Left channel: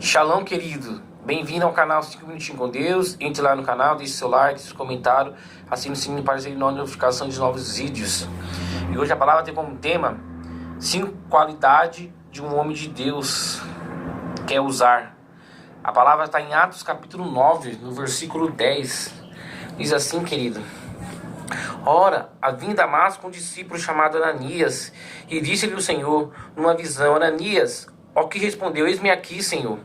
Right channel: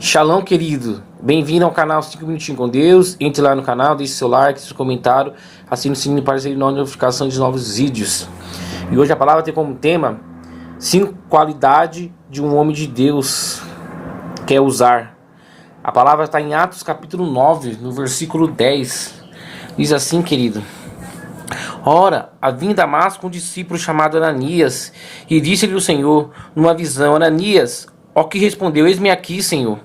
Shalom, querido. Bem-vindo ao canal 5 Minutinhos com Deus. Entre lá no canal, deixe seu like, seu comentário, assine o sininho para receber notificação de novos vídeos. E hoje a palavra tem como tema 5 qualidades de um homem de Deus quer usar. A palavra está em Atos capítulo 9, no versículo 10. Diz assim, querido: Ora, havia em Damasco um discípulo chamado Ananias, e disse-lhe o Senhor numa visão: Ananias. Ao que respondeu: Eis-me aqui, Senhor.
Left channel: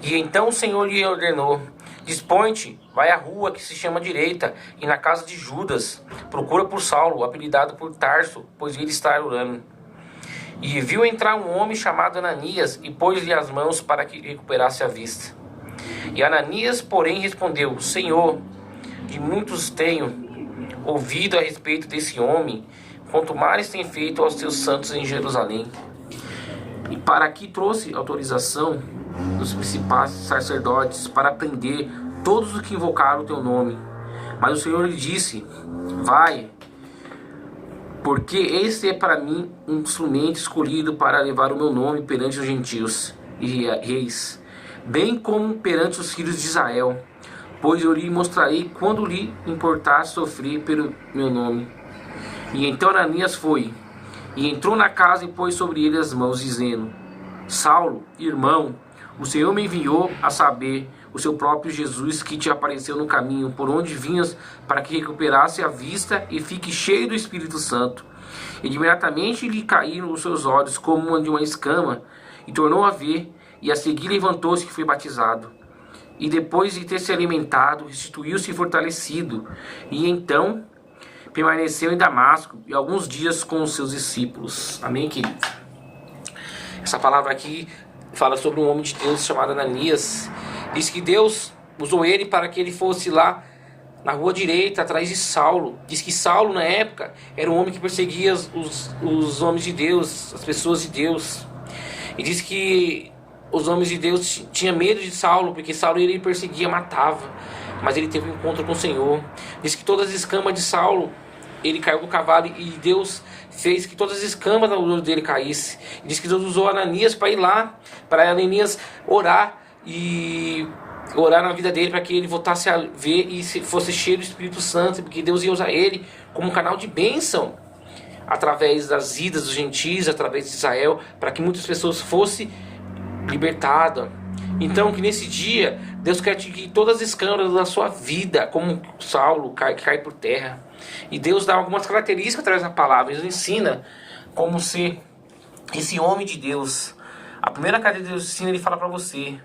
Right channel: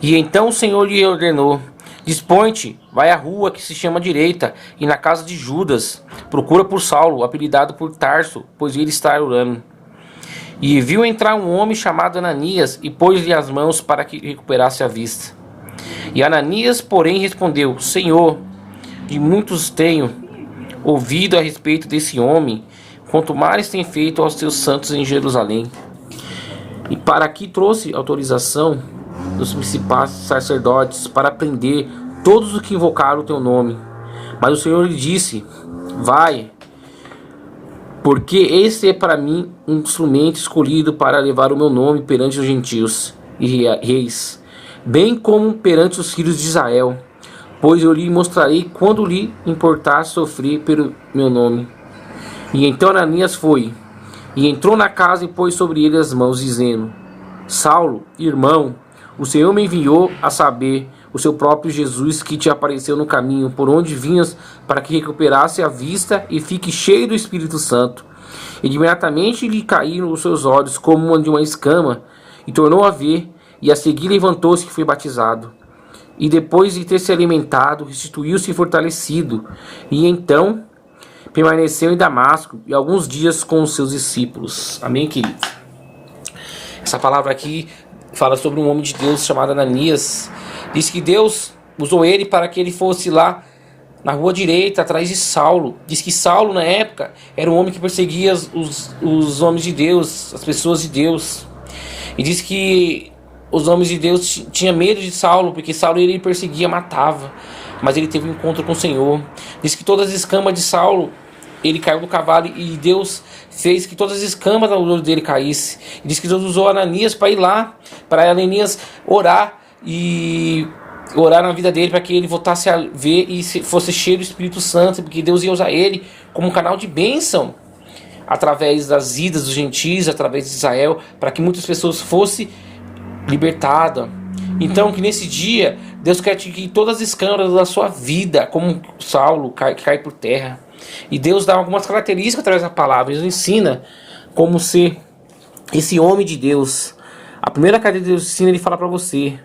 E então o Senhor lhe ordenou: Dispõe-te, vai à rua que se chama Direita, e na casa de Judas, procura por Saulo, apelidado por Tarso, pois ele está orando. E viu entrar um homem chamado Ananias, e pôs-lhe as mãos para que recuperasse a vista. E Ananias, porém, respondeu: Senhor, de muitos tenho ouvido a respeito desse homem, quanto mais tem feito aos teus santos em Jerusalém. E para aqui trouxe autorização dos principais sacerdotes para prender todos os que invocaram o teu nome. Mas o Senhor lhe disse: Vai, porque esse é para mim um instrumento escolhido para levar o meu nome perante os gentios e reis, bem como perante os filhos de Israel, pois eu lhe mostrarei quando lhe importar sofrer pelo meu nome. E então Ananias foi e entrou na casa e pôs sobre ele as mãos, dizendo: Saulo, irmão, o Senhor me enviou a saber, o seu próprio Jesus, que te apareceu no caminho por onde vinhas, para que recuperasse a vista e fique cheio do Espírito Santo. E imediatamente lhe caíram os seus olhos como de uma escama, e tornou a ver, e a seguir levantou-se e foi batizado. E depois de ter se alimentado, restituiu-se fortalecido, e então permaneceu em Damasco e alguns dias com os seus discípulos. Amém, querido? Essa palavra aqui fala sobre um homem de Deus chamado Ananias. Diz que Deus usou ele para que ele fosse lá na rua direita, atrás de Saulo. Diz que Saulo, na época, era um homem que perseguia os homens de Deus, as pessoas de Deus. E diz que os homens de Deus tinham medo de Saulo, porque Saulo ele perseguia, matava. Mas ele teve um encontro com o Senhor. Diz que todas as escamas de Saulo, ele caiu do cavalo e Deus fez que todas as escamas do olho dele caíssem. Diz que Deus usou Ananias para ir lá, para Ananias orar e orar na vida dele, para que ele voltasse a ver e fosse cheio do Espírito Santo, porque Deus ia usar ele como um canal de bênção através das idas dos gentios, através de Israel, para que muitas pessoas fossem libertadas. Então, que nesse dia Deus quer que todas as escamas da sua vida, como Saulo, cai por terra. E Deus dá algumas características através da palavra. Ele ensina como ser esse homem de Deus. A primeira característica que Deus ensina, ele fala para você:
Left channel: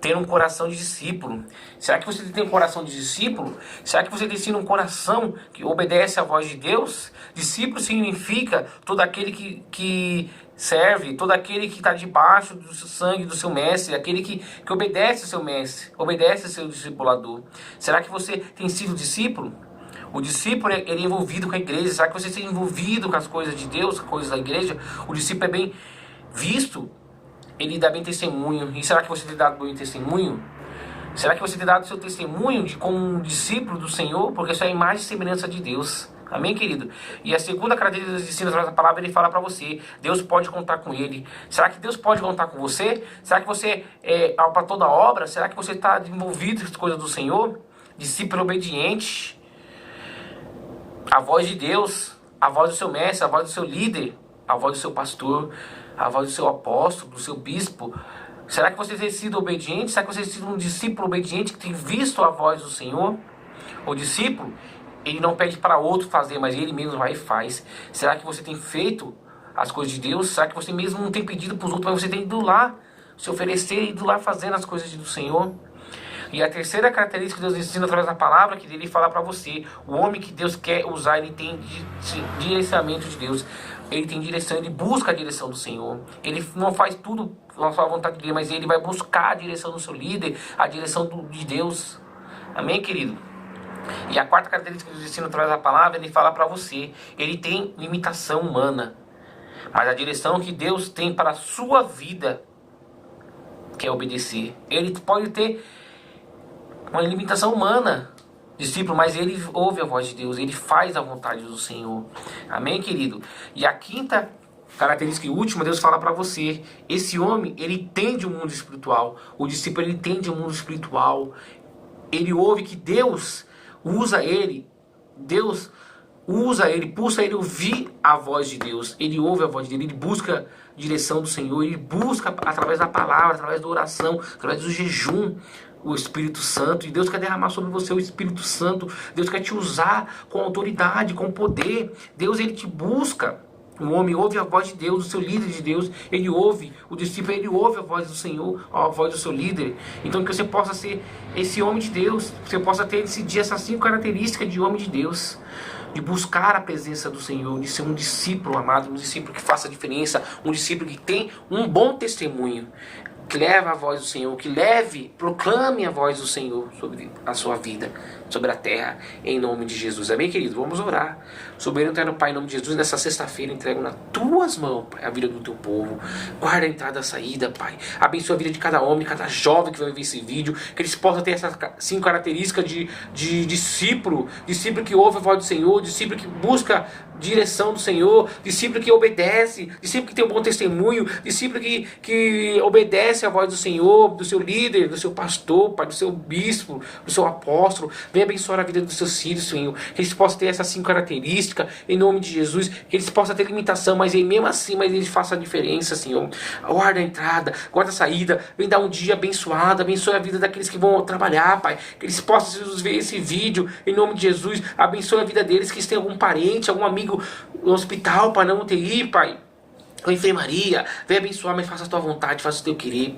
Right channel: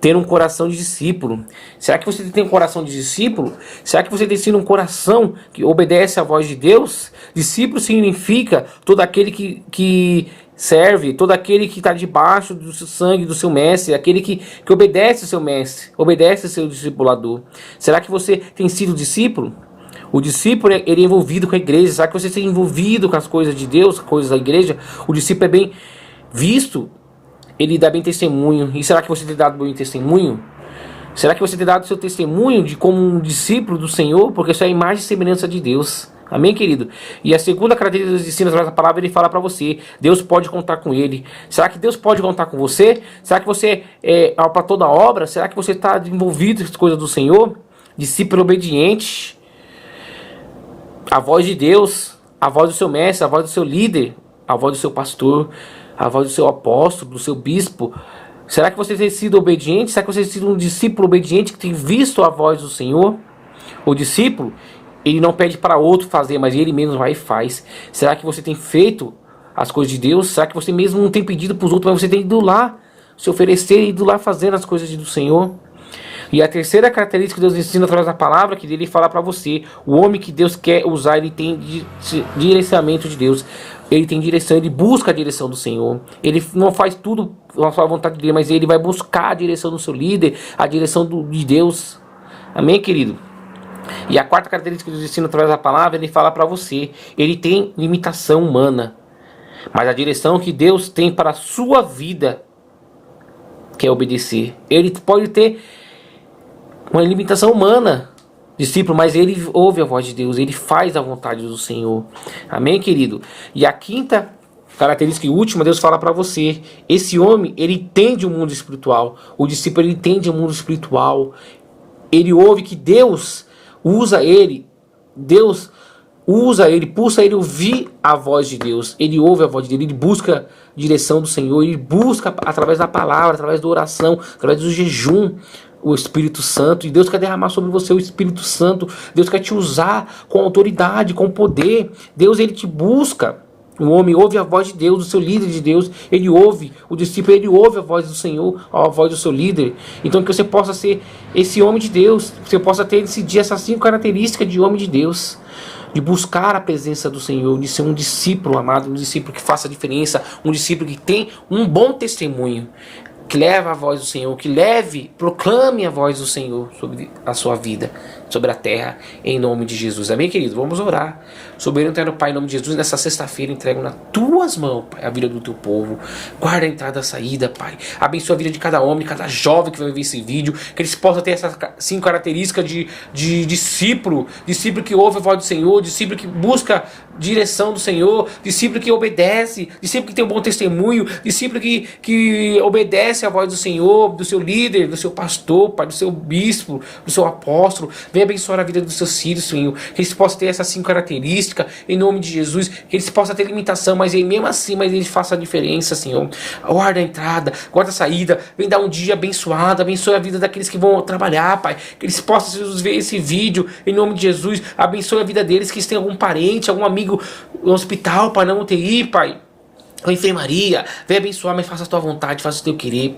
ter um coração de discípulo. Será que você tem um coração de discípulo? Será que você tem um coração que obedece à voz de Deus? Discípulo significa todo aquele que serve, todo aquele que está debaixo do seu sangue, do seu mestre, aquele que obedece ao seu mestre, obedece ao seu discipulador. Será que você tem sido discípulo? O discípulo, ele é envolvido com a igreja. Será que você tem envolvido com as coisas de Deus, coisas da igreja? O discípulo é bem visto, ele dá bem testemunho. E será que você tem dado bem testemunho? Será que você tem dado seu testemunho de como um discípulo do Senhor? Porque isso é a imagem e semelhança de Deus. Amém, querido? E a segunda característica dos ensinos da palavra, ele fala para você: Deus pode contar com ele. Será que Deus pode contar com você? Será que você é para toda obra? Será que você está envolvido com as coisas do Senhor? Discípulo obediente. A voz de Deus, a voz do seu mestre, a voz do seu líder, a voz do seu pastor, a voz do seu apóstolo, do seu bispo. Será que você tem sido obediente? Será que você tem sido um discípulo obediente que tem visto a voz do Senhor? O discípulo, ele não pede para outro fazer, mas ele mesmo vai e faz. Será que você tem feito as coisas de Deus? Será que você mesmo não tem pedido para os outros, mas você tem ido lá se oferecer e ido lá fazendo as coisas do Senhor? E a terceira característica que Deus ensina através da palavra, que ele fala para você: o homem que Deus quer usar, ele tem direcionamento de Deus. Ele tem direção, ele busca a direção do Senhor. Ele não faz tudo na sua vontade dele, mas ele vai buscar a direção do seu líder, a direção de Deus. Amém, querido? E a quarta característica que Deus ensina através da palavra, ele fala para você: ele tem limitação humana, mas a direção que Deus tem para a sua vida, que é obedecer. Ele pode ter uma limitação humana, discípulo, mas ele ouve a voz de Deus, ele faz a vontade do Senhor. Amém, querido? E a quinta Característica última, Deus fala para você. Esse homem, ele entende o mundo espiritual. O discípulo, ele entende o mundo espiritual. Ele ouve que Deus usa ele. Deus usa ele, pulsa ele ouvir a voz de Deus. Ele ouve a voz dele, ele busca a direção do Senhor. Ele busca através da palavra, através da oração, através do jejum, o Espírito Santo. E Deus quer derramar sobre você o Espírito Santo. Deus quer te usar com autoridade, com poder. Deus, ele te busca. O homem ouve a voz de Deus, o seu líder de Deus. Ele ouve, o discípulo, ele ouve a voz do Senhor, a voz do seu líder. Então que você possa ser esse homem de Deus. Você possa ter esse dia essas 5 características de homem de Deus. De buscar a presença do Senhor, de ser um discípulo amado, um discípulo que faça a diferença, um discípulo que tem um bom testemunho, que leva a voz do Senhor, que proclame a voz do Senhor sobre a sua vida, sobre a terra, em nome de Jesus. Amém, querido? Vamos orar. Soberano eterno Pai, em nome de Jesus, nessa sexta-feira entrego nas tuas mãos, Pai, a vida do teu povo. Guarda a entrada e a saída, Pai. Abençoa a vida de cada homem, cada jovem que vai ver esse vídeo, que eles possam ter essas 5 características de discípulo que ouve a voz do Senhor, discípulo que busca direção do Senhor, discípulo que obedece, discípulo que tem um bom testemunho, discípulo que obedece a voz do Senhor, do seu líder, do seu pastor, Pai, do seu bispo, do seu apóstolo. Venha abençoar a vida dos seus filhos, Senhor, que eles possam ter essas 5 características, em nome de Jesus, que eles possam ter limitação, mas mesmo assim, eles façam a diferença, Senhor. Guarda a entrada, guarda a saída, vem dar um dia abençoado, abençoe a vida daqueles que vão trabalhar, Pai, que eles possam ver esse vídeo, em nome de Jesus, abençoe a vida deles, que eles tenham algum parente, algum amigo no hospital, Pai, na UTI, Pai, ou enfermaria, vem abençoar, mas faça a tua vontade, faça o teu querer, Pai.